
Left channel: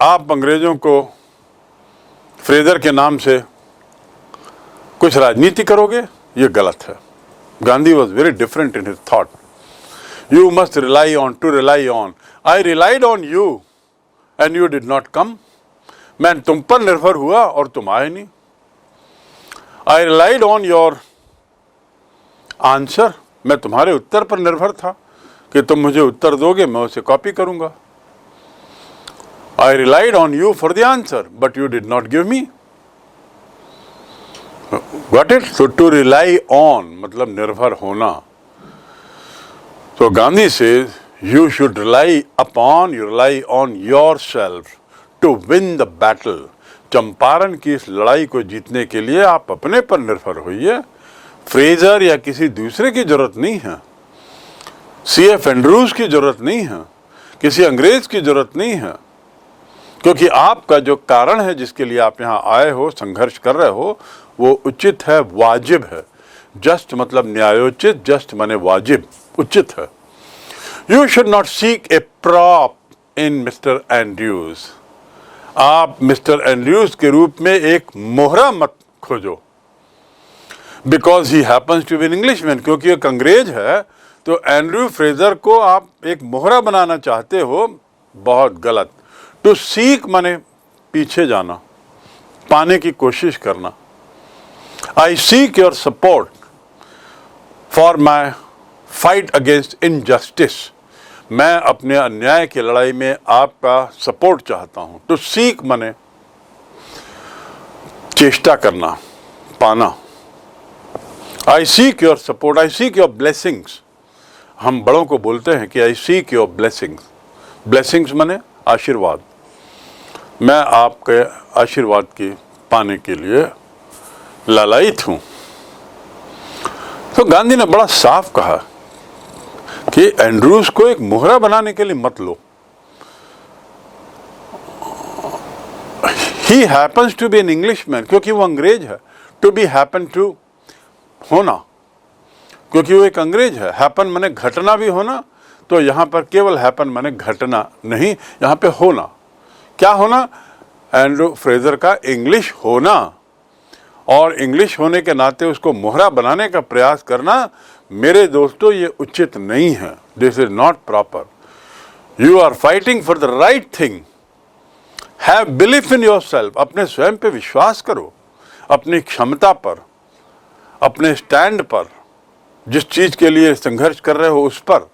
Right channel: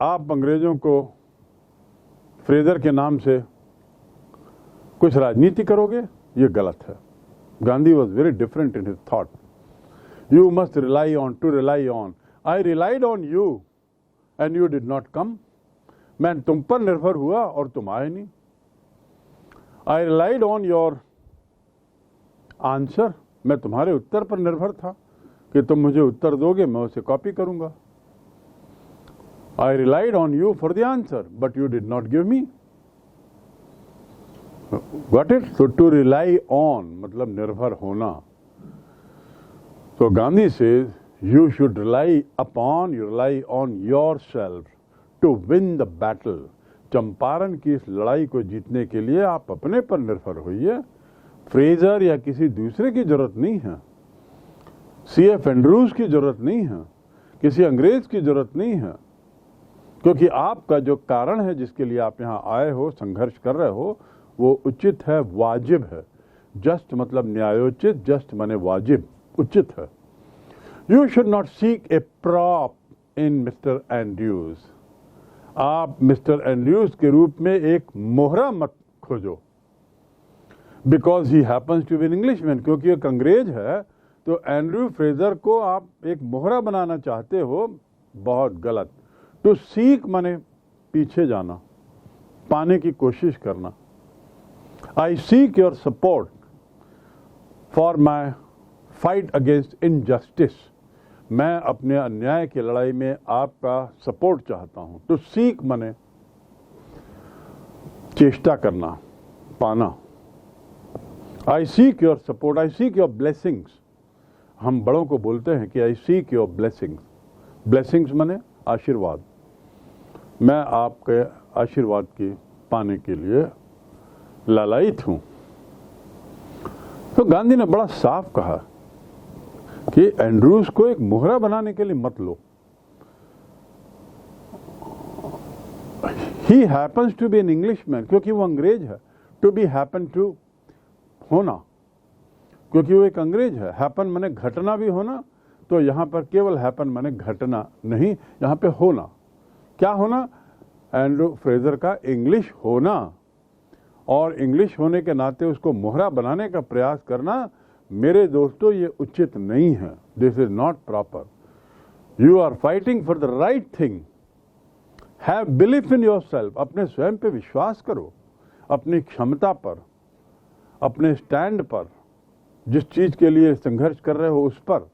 आप अंग्रेजों को फ्रेजर के नाम से कुछ राजनीति करोगे, ये गलत है। Gandhi was very different in his thought. You must rely on, to rely on. I relied on you and you did not come. मैं तुम पर निर्भर हुआ और तुम आए नहीं। I relied on your answer. मैं तुम्हारे उत्तर पर निर्भर था कि तुम मुझे उत्तर दोगे, मैं उसे कॉपी करूंगा। I relied on you for the answer but you did not give me. Got it? So to rely on मतलब निर्भर होना। तो Gandhi says you should rely upon, you rely on yourself to win the battle. Champaran की इस लड़ाई को जीतने के लिए आप अपने पर निर्भर होइए। फ्रेजर या किसी दूसरे की जरूरत नहीं है। C.F. एंड्रूज की जरूरत नहीं है, किसी अंग्रेज की जरूरत नहीं है। क्योंकि आपका जो कारण है जिसके लिए आप यहाँ आए हो, संघर्ष कर रहे हो, वो उचित है, वाजिब है। जस्ट मतलब न्यायोचित, जस्ट माने वाजिब, उचित है। You should not seek a prop in Mr. Andrews. आप मिस्टर एंड्रयूज के रूप में एक मोहरा मत खोजो। Because he happens to be an Englishman, क्योंकि एक अंग्रेज है, तो एंड्रयू फ्रेजर को आप एक मोहरा बनाना चाहते हो, बहुत गलत। टू सीक माने पीछे जाना, पाने की कोशिश करना। I seek your support for my fight against injustice. मैं अपने अन्याय की लड़ाई में आपका सपोर्ट चाहता हूं। टू सीक माने चेष्टा करना, पाना। आई seek your support, I seek your blessings. हम बड़ों को बोलते हैं कि आई सीक योर ब्लेसिंग्स। ब्लेसिंग्स माने आशीर्वाद। मैं आपके आशीर्वाद की पाने के लिए लालायित हूं। तो गांधी ने बड़ा साफ कहा कि एंड्रूज को एक मोहरा बनाने के लिए मत लो। He happens to be an Englishman, क्योंकि वो अंग्रेज है। टू बी हैपन टू होना, क्योंकि वो एक अंग्रेज है। हैपन माने घटना भी होना, तो यहाँ पर केवल हैपन माने घटना नहीं, यहाँ पे होना। क्या होना? एंड्रू फ्रेजर का इंग्लिश होना, और इंग्लिश होने के नाते उसको मोहरा बनाने का प्रयास करना, मेरे दोस्तों, ये उचित नहीं है। This is not proper. You are fighting for the right thing. Have belief in your self. अपने स्वयं पे विश्वास करो, अपनी क्षमता पर, अपने स्टैंड पर, जिस चीज के लिए संघर्ष कर रहे हो उस पर,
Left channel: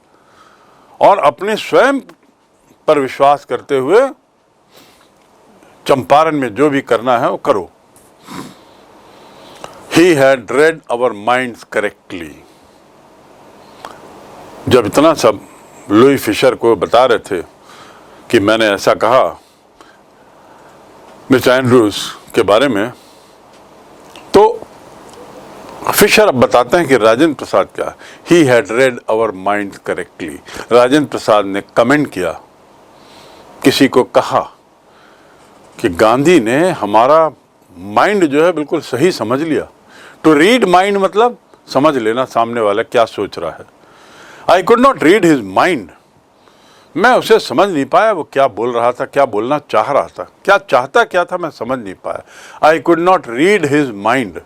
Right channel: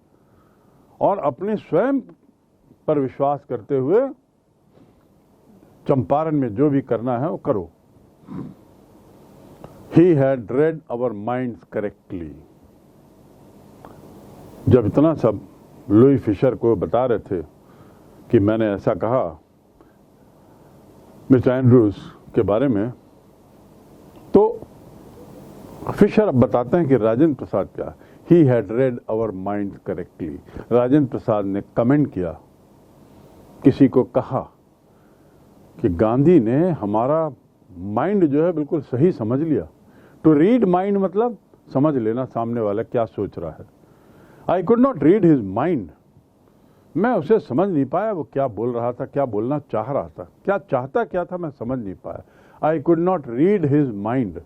और अपने स्वयं पर विश्वास करते हुए चंपारण में जो भी करना है वो करो। He had read our minds correctly। जब इतना सब लुई फिशर को बता रहे थे कि मैंने ऐसा कहा मिस्टर एंड्रूज के बारे में, तो फिशर अब बताते हैं कि राजेंद्र प्रसाद क्या, He had read our minds correctly। Rajendra Prasad ने कमेंट किया, किसी को कहा कि गांधी ने हमारा माइंड जो है बिल्कुल सही समझ लिया। टू रीड माइंड मतलब समझ लेना सामने वाला क्या सोच रहा है। आई could not read his mind. मैं उसे समझ नहीं पाया, वो क्या बोल रहा था, क्या बोलना चाह रहा था, क्या चाहता क्या था, मैं समझ नहीं पाया। I could not read his mind.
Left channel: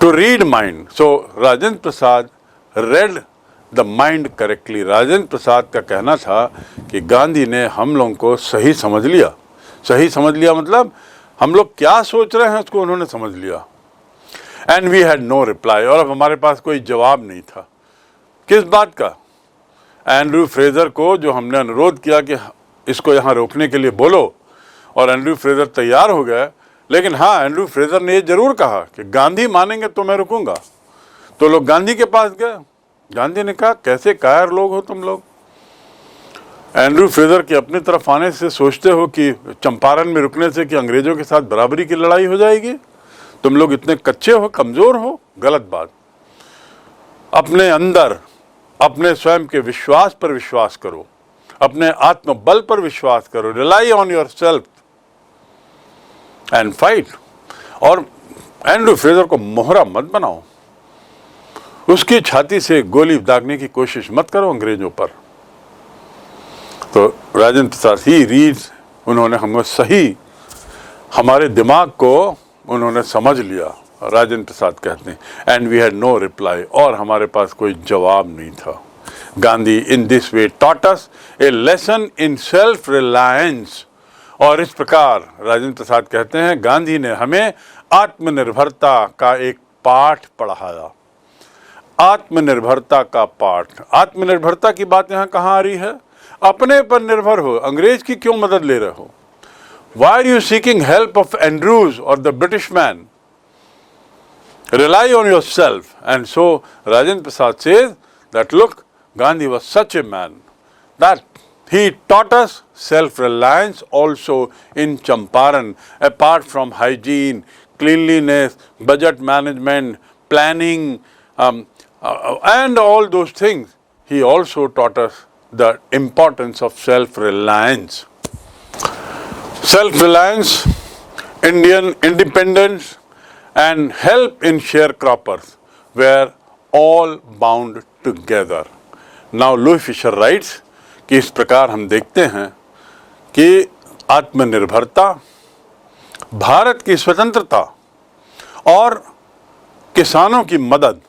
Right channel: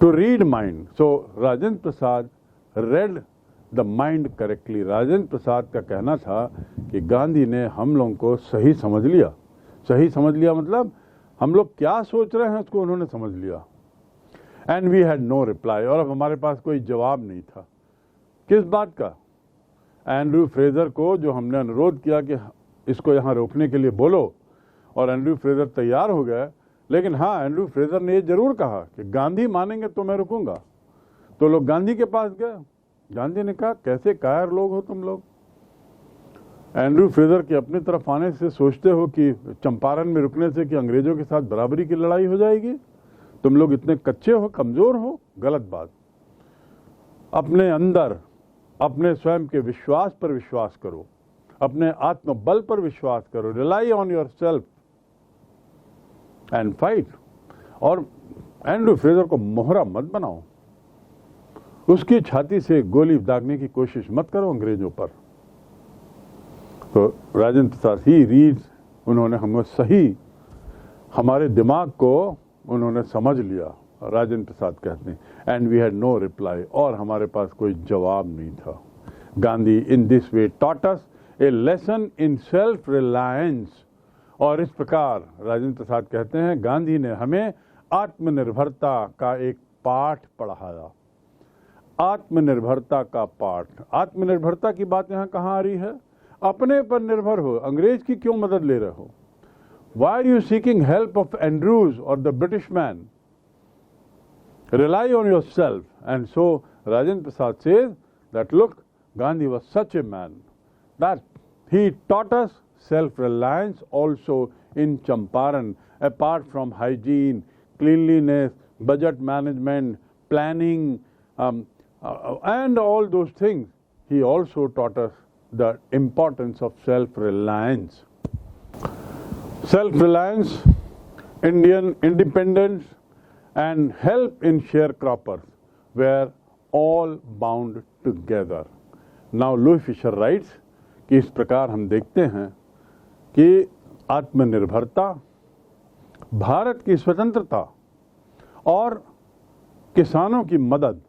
To read mind. So Rajendra Prasad read the mind correctly. Rajendra Prasad का कहना था कि गांधी ने हम लोगों को सही समझ लिया। सही समझ लिया मतलब हम लोग क्या सोच रहे हैं उसको उन्होंने समझ लिया। And we had no reply. और अब हमारे पास कोई जवाब नहीं था। किस बात का? एंड्रू फ्रेजर को जो हमने अनुरोध किया कि इसको यहाँ रोकने के लिए बोलो, और एंड्रू फ्रेजर तैयार हो गए। लेकिन हाँ, एंड्रू फ्रेजर ने ये जरूर कहा कि गांधी मानेंगे तो मैं रुकूंगा। तो लोग गांधी के पास गए। गांधी ने कहा, कैसे कायर लोग हो तुम लोग। एंड्रू फ्रेजर के अपनी तरफ आने से सोचते हो कि चंपारण में रुकने से कि अंग्रेजों के साथ बराबरी की लड़ाई हो जाएगी। तुम लोग इतने कच्चे हो, कमजोर हो। गलत बात। अपने अंदर अपने स्वयं के विश्वास पर विश्वास करो, अपने आत्मबल पर विश्वास करो। Rely on your self and fight. और एंड्रू फ्रेजर को मोहरा मत बनाओ, उसकी छाती से गोली दागने की कोशिश मत करो अंग्रेजों पर। तो राजेंद्र प्रसाद ही रीड्स, उन्होंने हमको सही, हमारे दिमाग को उन्होंने समझ लिया। राजेंद्र प्रसाद कहते हैं, and we had no reply. और हमारे पास कोई जवाब नहीं था। Gandhi in this way taught us a lesson in self reliance. और इस प्रकार राजेंद्र प्रसाद कहते हैं, गांधी ने हमें आत्मनिर्भरता का एक पाठ पढ़ाया। आत्मनिर्भरता का पाठ। आत्मनिर्भरता की बात यहाँ कहाँ आ रही है? अपने पर निर्भर हो। अंग्रेज की क्यों मदद ले रहे हो? Why are you seeking help of Andrews or the British man? Rely on yourself. And so Rajendra Prasad says that look, Gandhi was such a man that he taught us self-reliance also in Champaran, apart from hygiene, cleanliness, budget management, planning, and all those things. He also taught us the importance of self-reliance. Self-reliance, Indian independence, and help in sharecroppers were all bound together. Now Louis Fisher writes कि इस प्रकार हम देखते हैं कि आत्मनिर्भरता, भारत की स्वतंत्रता और किसानों की मदद,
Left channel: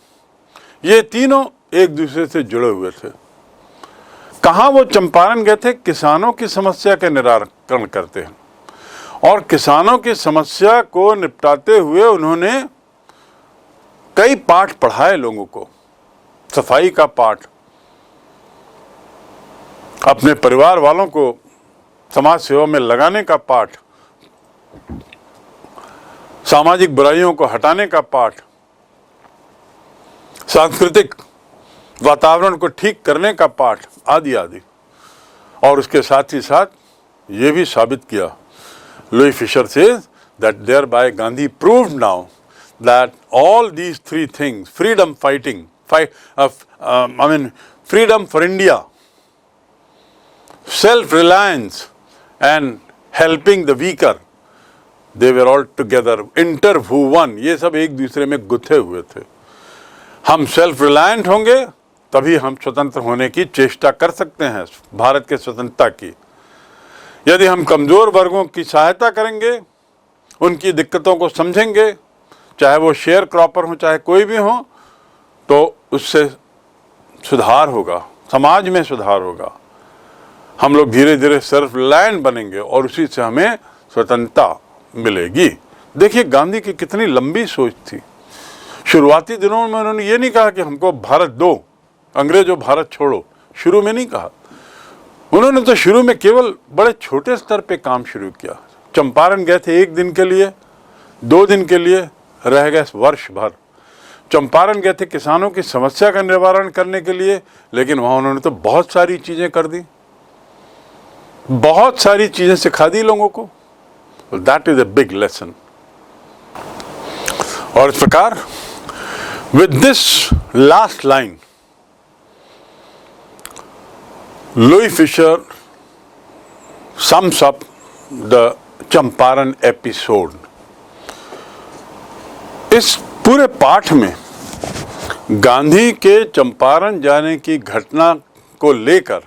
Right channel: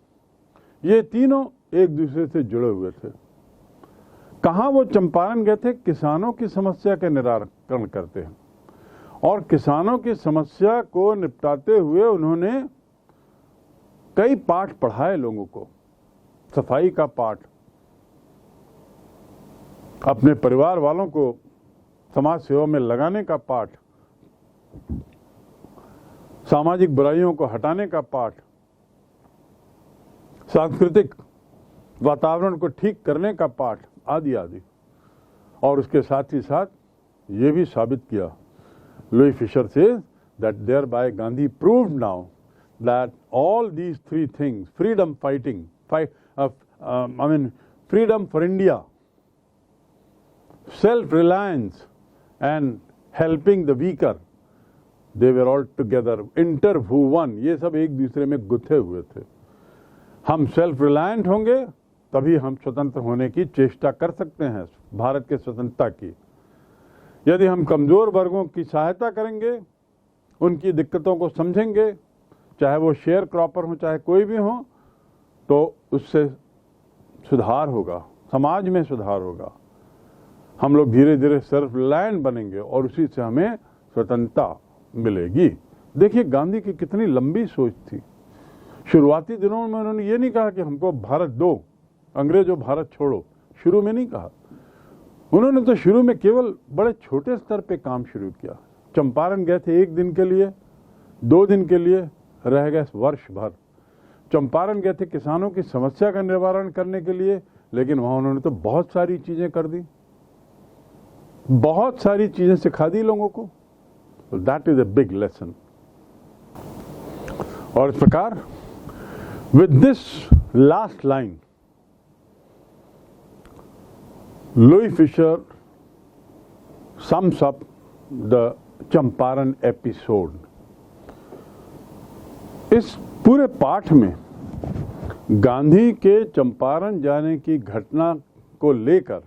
ये तीनों एक दूसरे से जुड़े हुए थे। कहाँ वो चंपारण गए थे? किसानों की समस्या का निराकरण करते हैं, और किसानों की समस्या को निपटाते हुए उन्होंने कई पाठ पढ़ाए लोगों को। सफाई का पाठ, अपने परिवार वालों को समाज सेवा में लगाने का पाठ, सामाजिक बुराइयों को हटाने का पाठ, सांस्कृतिक वातावरण को ठीक करने का पाठ, आदि आदि। और उसके साथ ही साथ ये भी साबित किया, Louis Fisher says that thereby Gandhi proved now that all these three things, freedom fighting, freedom for India, self-reliance and helping the weaker, they were all together, interwoven, ये सब एक दूसरे में गुथे हुए थे। हम सेल्फ रिलायंट होंगे तभी हम स्वतंत्र होने की चेष्टा कर सकते हैं, भारत के स्वतंत्रता की। यदि हम कमज़ोर वर्गों की सहायता करेंगे, उनकी दिक्कतों को समझेंगे, चाहे वो शेयर क्रॉपर हो चाहे कोई भी हो, तो उससे सुधार होगा, समाज में सुधार होगा। हम लोग धीरे धीरे सेल्फ रिलायंट बनेंगे और उसी से हमें स्वतंत्रता मिलेगी। देखिए गांधी की कितनी लंबी सोच थी। शुरुआती दिनों में उन्होंने ये नहीं कहा कि हमको भारत दो, अंग्रेजों भारत छोड़ो, शुरू में नहीं कहा। उन्होंने तो शुरू में केवल बड़े छोटे स्तर पे काम शुरू किया। चंपारण गए थे 1 दिन के लिए, 2 दिन के लिए, रह गए वर्ष भर। चंपारण गए थे किसानों की समस्या का निवारण करने के लिए, लेकिन वहाँ उन्होंने तो बहुत सारी चीज़ें कर दी, बहुत सारी चीज़ें सिखा दी लोगों को। That is a big lesson. और इस प्रकार with this last line Louis Fischer sums up the Champaran episode. इस पूरे पाठ में गांधी के चंपारण जाने की घटना को लेकर